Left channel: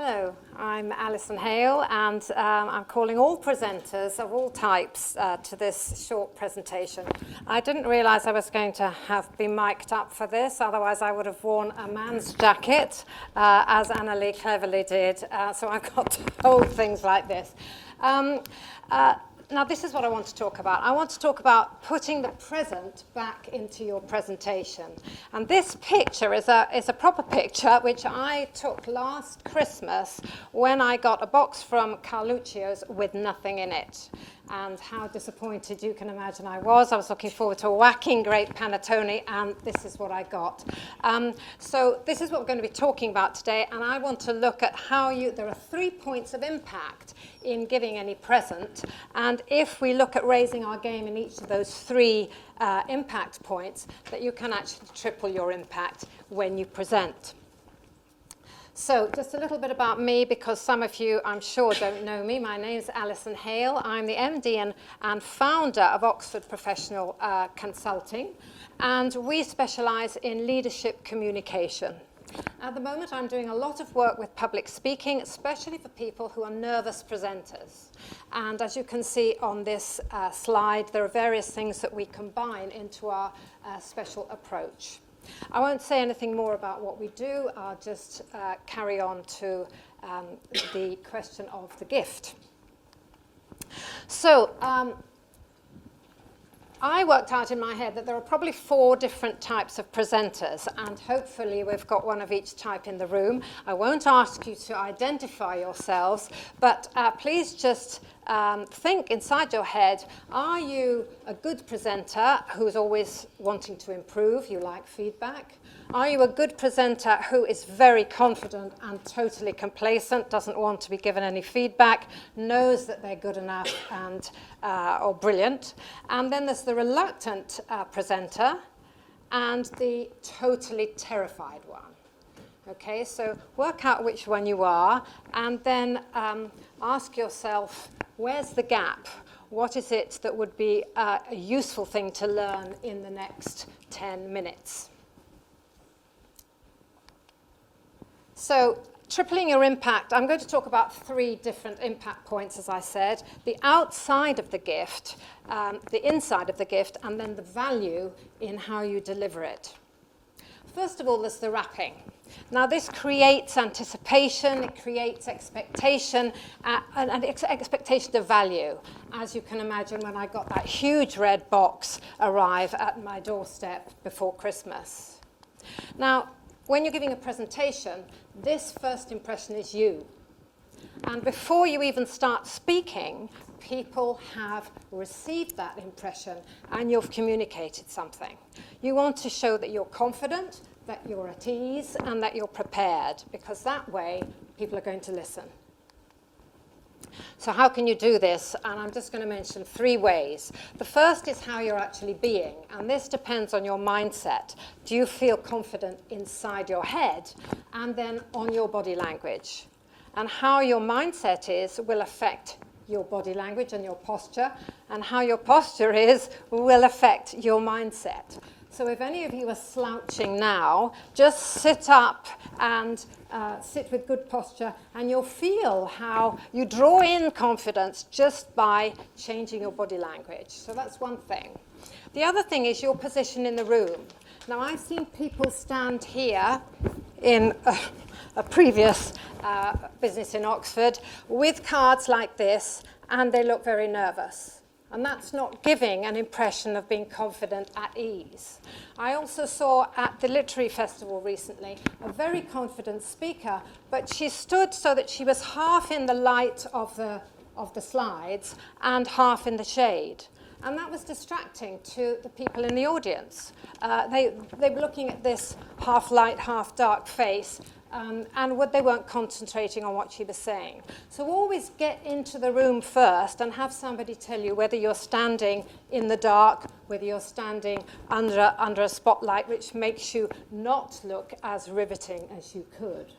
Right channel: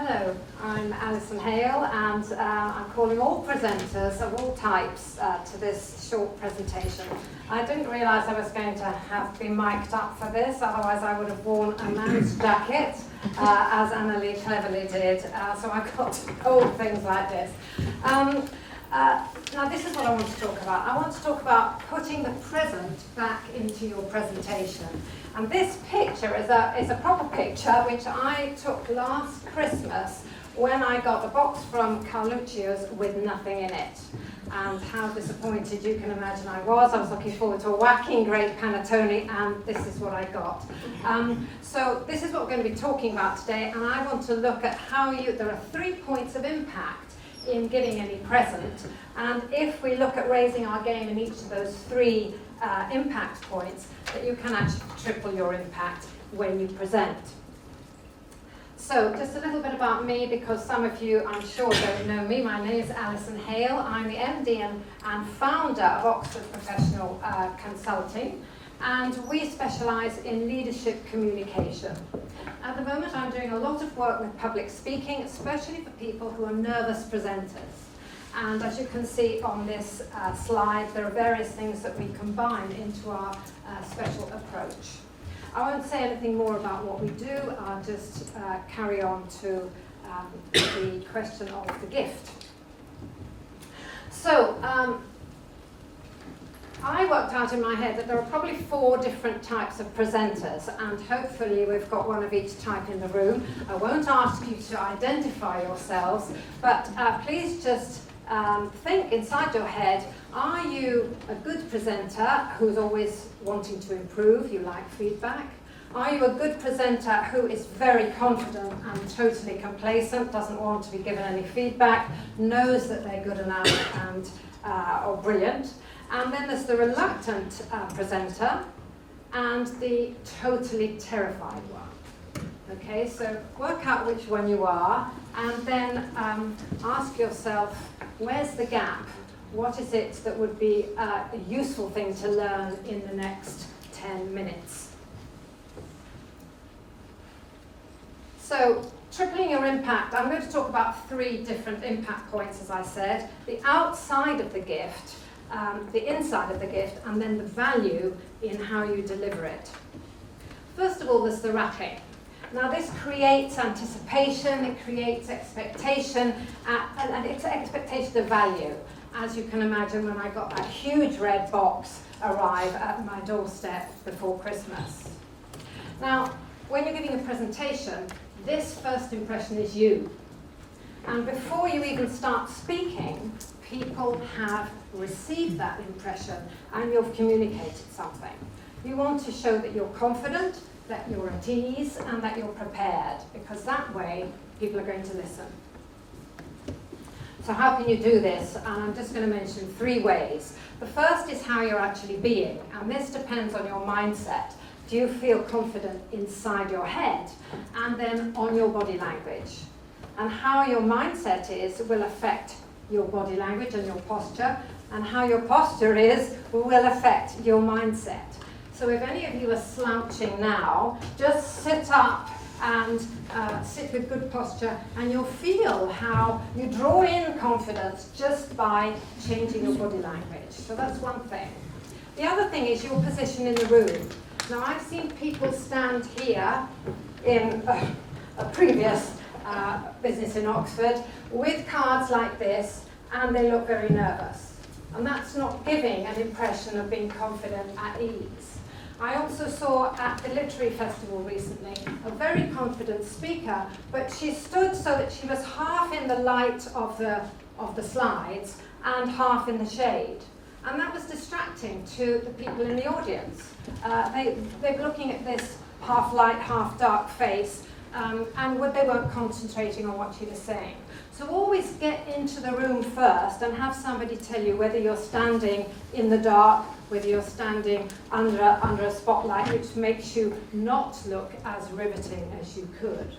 Hello, I'm Alison Hale, and I'm calling all presenters of all types to this short presentation. I didn't realise I was going to have been mic'd up for this, otherwise I would have worn a man's jacket, as Annalie cleverly did, so I got to hold things like this. Now this is what I want to talk about. I want to talk about putting the present back into your presentation. And this picture is a proper picture which I took last Christmas when I got a box from Carluccio's with nothing in it. And how disappointed you can imagine I was. I was looking forward to a whacking great panettone, and this is what I got. So this is what we're going to be talking about today, and I want to look at how there are 3 points of impact in giving any present, and if we look at raising our game in each of those 3 impact points, that you can actually triple your impact when you present. So just a little bit about me, because some of you I'm sure don't know me. My name is Alison Hale. I'm the MD and founder of Oxford Professional Consulting, and we specialise in leadership communication. At the moment I'm doing a lot of work with public speaking, especially for people who are nervous presenters. And as you can see on this slide, there are various things that we combine into our special approach. I won't say anything more about what we do, I'll just carry on to the question of the gift. So, I worked out in my head that there are probably 4 different types of presenters, and hopefully we've got one of each type in the room. I won't ask you to identify yourselves, but please just think inside your head, are you a good presenter who's always wanting to improve, you like feedback? Are you a good presenter who is very confident and totally complacent, doesn't want to be given any feedback, knows that they're good enough and or brilliant? And then there's the reluctant presenter and the totally terrified one. Okay, so work out which one you are, and then ask yourself, where's the gap? What is it that would be a useful thing to learn in the next 10 minutes? So, tripling your impact, I'm going to talk about 3 different impact points, as I said. The outside of the gift, the inside of the gift, and then the value in how you deliver it. First of all, there's the wrapping. Now this creates anticipation, it creates expectation, and it's expectation of value. As you can imagine, when I got that huge red box arrive at my doorstep before Christmas. Now, when you're giving a presentation, this first impression is you. And before you even start speaking, people have received that impression and you've communicated something. You want to show that you're confident, that you're at ease, and that you're prepared, because that way people are going to listen. So how can you do this? And I'm just going to mention 3 ways. The first is how you're actually being, and this depends on your mindset. Do you feel confident inside your head? And then on your body language. And how your mindset is will affect your body language and your posture, and how your posture is will affect your mindset. So if any of you are slouching now, just sit up and sit with good posture, and you'll feel how you draw in confidence just by changing your body language. So that's one thing. The other thing is your position in the room. Now I've seen people stand here in a previous business in Oxford with cards like this, and they look very nervous. And that's not giving an impression of being confident at ease. I also saw at the Literary Festival recently a very confident speaker, but she stood so that she was half in the light of the slides and half in the shade. And that was distracting to the people in the audience. They were looking at this half light, half dark face, and they weren't concentrating on what she was saying. So always get into the room first and have somebody tell you whether you're standing in the dark, whether you're standing under a spotlight, which makes you not look as riveting as you could.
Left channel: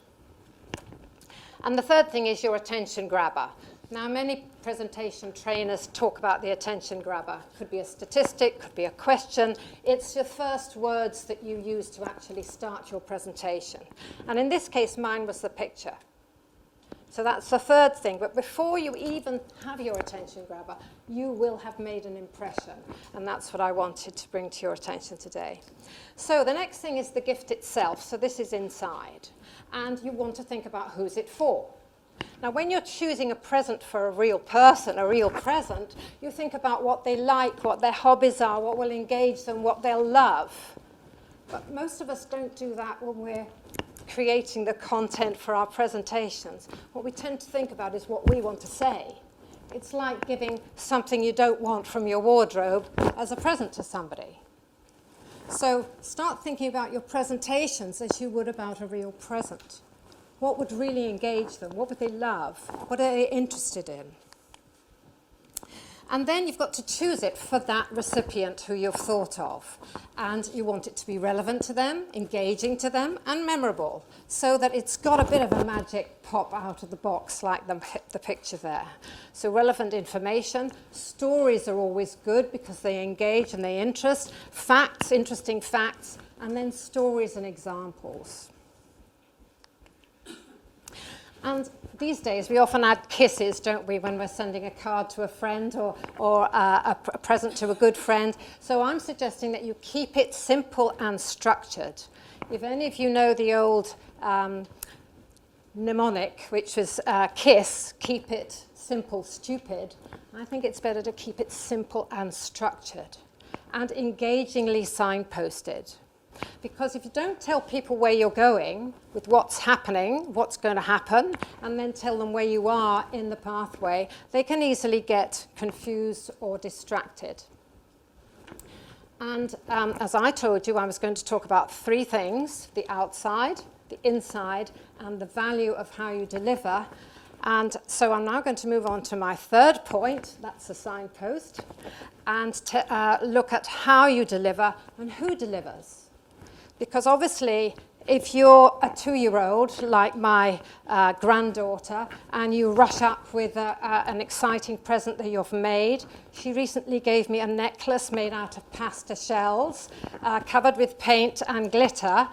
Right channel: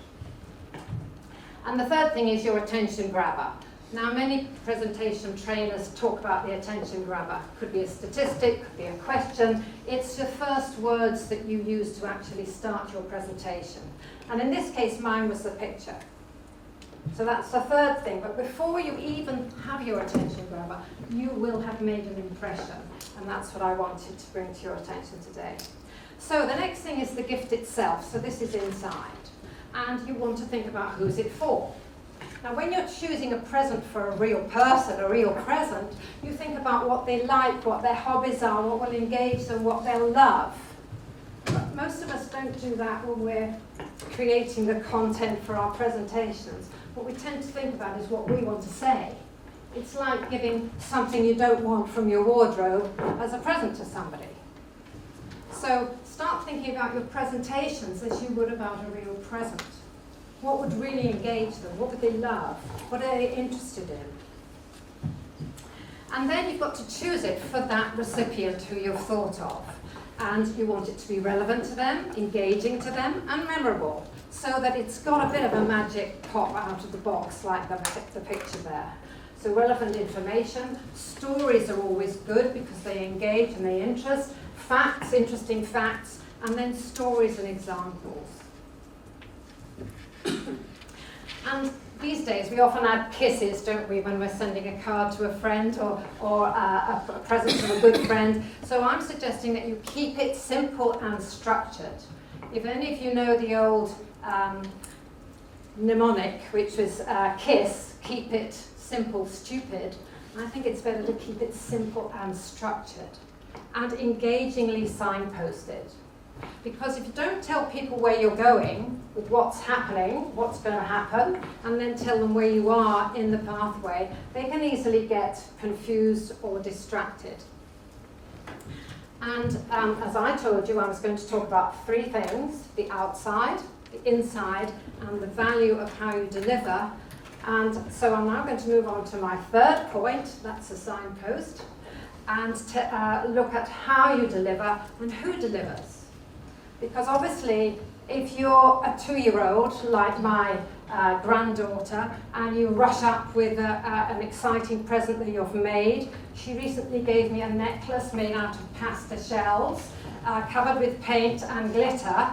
And the third thing is your attention grabber. Now, many presentation trainers talk about the attention grabber. Could be a statistic, could be a question. It's the first words that you use to actually start your presentation. And in this case, mine was the picture. So that's the third thing. But before you even have your attention grabber, you will have made an impression. And that's what I wanted to bring to your attention today. So the next thing is the gift itself. So this is inside. And you want to think about who's it for. Now, when you're choosing a present for a real person, a real present, you think about what they like, what their hobbies are, what will engage them, what they'll love. But most of us don't do that when we're creating the content for our presentations. What we tend to think about is what we want to say. It's like giving something you don't want from your wardrobe as a present to somebody. So start thinking about your presentations as you would about a real present. What would really engage them? What would they love? What are they interested in? And then you've got to choose it for that recipient who you've thought of. And you want it to be relevant to them, engaging to them, and memorable, so that it's got a bit of a magic pop out of the box, like the picture there. So relevant information. Stories are always good because they engage and they interest. Facts, interesting facts, and then stories and examples. And these days, we often add kisses, don't we, when we're sending a card to a friend or a present to a good friend. So I'm suggesting that you keep it simple and structured. If any of you know the old mnemonic, which was KISS, keep it simple, stupid, I think it's better to keep it simple and structured and engagingly signposted. Because if you don't tell people where you're going, with what's happening, what's going to happen, and then tell them where you are in the pathway, they can easily get confused or distracted. And as I told you, I was going to talk about three things: the outside, the inside, and the value of how you deliver. And so I'm now going to move on to my third point, that's a signpost, and look at how you deliver and who delivers. Because obviously, if you're a 2-year-old, like my granddaughter, and you rush up with an exciting present that you've made, she recently gave me a necklace made out of pasta shells, covered with paint and glitter.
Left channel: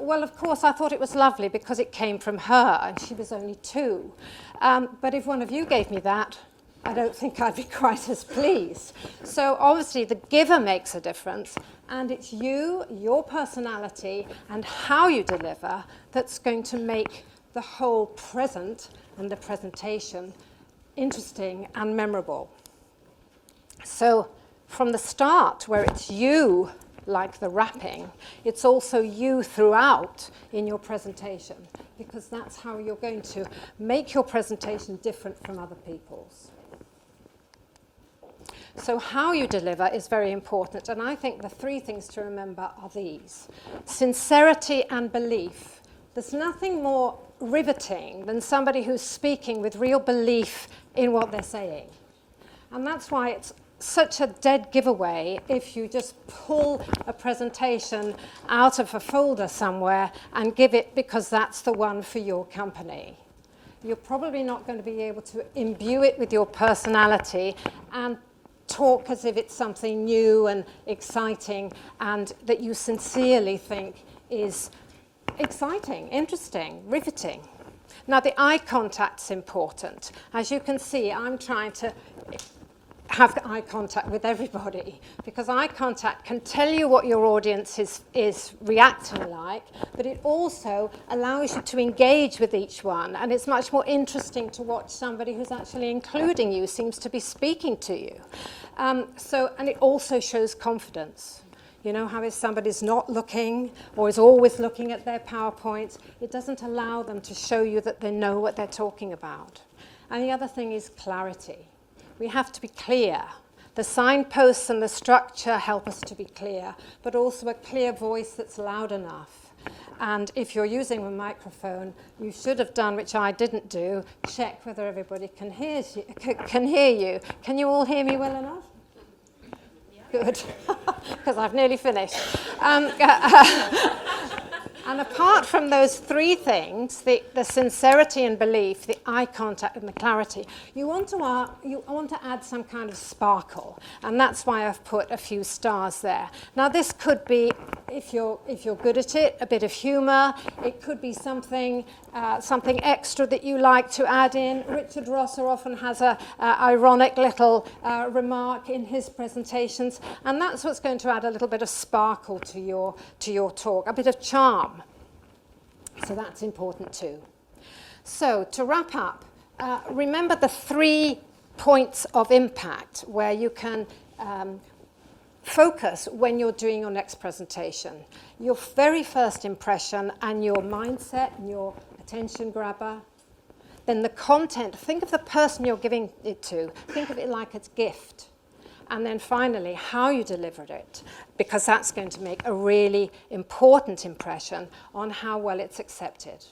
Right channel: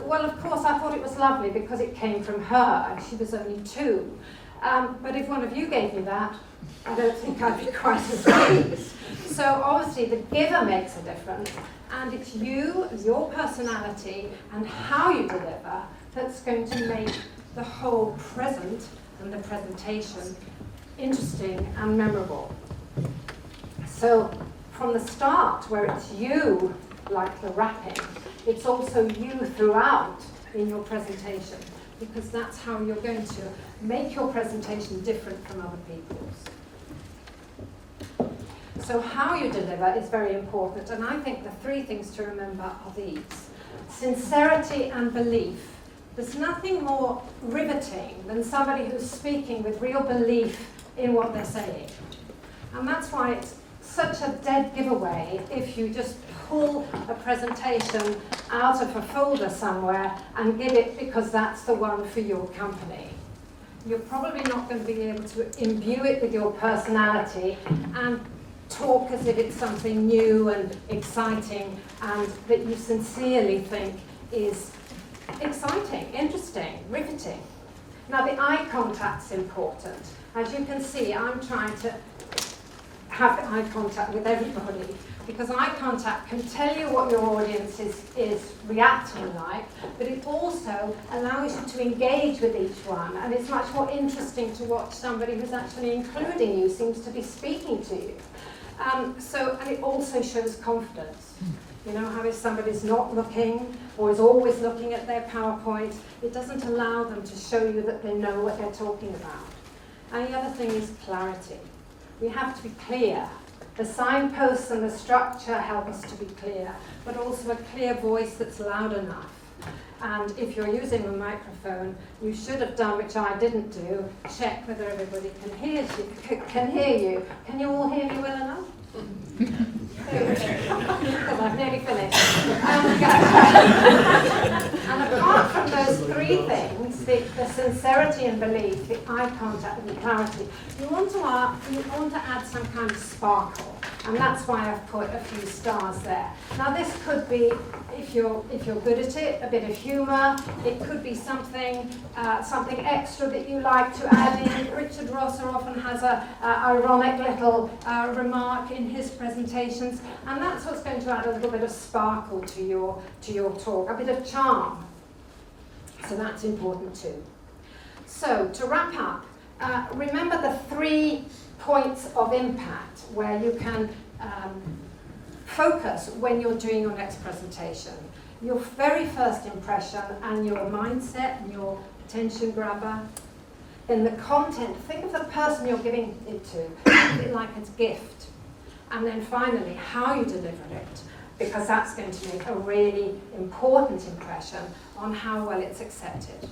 Well, of course, I thought it was lovely because it came from her, and she was only 2. But if one of you gave me that, I don't think I'd be quite as pleased. So obviously, the giver makes a difference. And it's you, your personality, and how you deliver that's going to make the whole present and the presentation interesting and memorable. So from the start, where it's you, like the wrapping, it's also you throughout in your presentation, because that's how you're going to make your presentation different from other people's. So how you deliver is very important, and I think the three things to remember are these. Sincerity and belief. There's nothing more riveting than somebody who's speaking with real belief in what they're saying. And that's why it's such a dead giveaway if you just pull a presentation out of a folder somewhere and give it because that's the one for your company. You're probably not going to be able to imbue it with your personality and talk as if it's something new and exciting and that you sincerely think is exciting, interesting, riveting. Now, the eye contact's important. As you can see, I'm trying to have eye contact with everybody because eye contact can tell you what your audience is reacting like, but it also allows you to engage with each one, and it's much more interesting to watch somebody who's actually including you, seems to be speaking to you. And it also shows confidence. You know how if somebody's not looking or is always looking at their PowerPoint, it doesn't allow them to show you that they know what they're talking about. And the other thing is clarity. We have to be clear. The signposts and the structure help us to be clear, but also a clear voice that's loud enough. And if you're using a microphone, you should have done, which I didn't do, check whether everybody can hear you. Can you all hear me well enough? Because I've nearly finished. And apart from those three things, the sincerity and belief, the eye contact and the clarity, you want to add some kind of sparkle. And that's why I've put a few stars there. Now this could be if you're good at it, a bit of humour. It could be something extra that you like to add in. Richard Rosser often has a ironic little remark in his presentations, and that's what's going to add a little bit of sparkle to your talk, a bit of charm. So that's important too. So to wrap up, remember the 3 points of impact where you can focus when you're doing your next presentation. Your very first impression and your mindset and your attention grabber. Then the content, think of the person you're giving it to, think of it like it's a gift. And then finally, how you delivered it, because that's going to make a really important impression on how well it's accepted.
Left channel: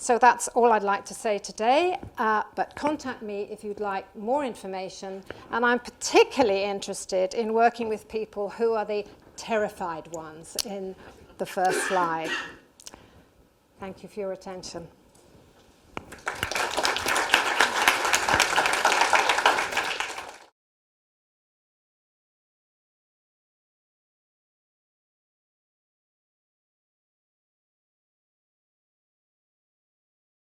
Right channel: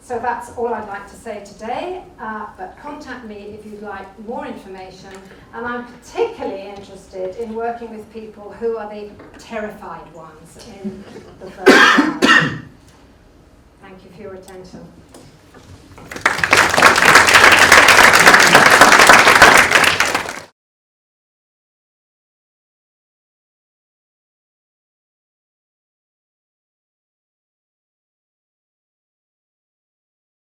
So that's all I'd like to say today, but contact me if you'd like more information. And I'm particularly interested in working with people who are the terrified ones in the first slide. Thank you for your attention.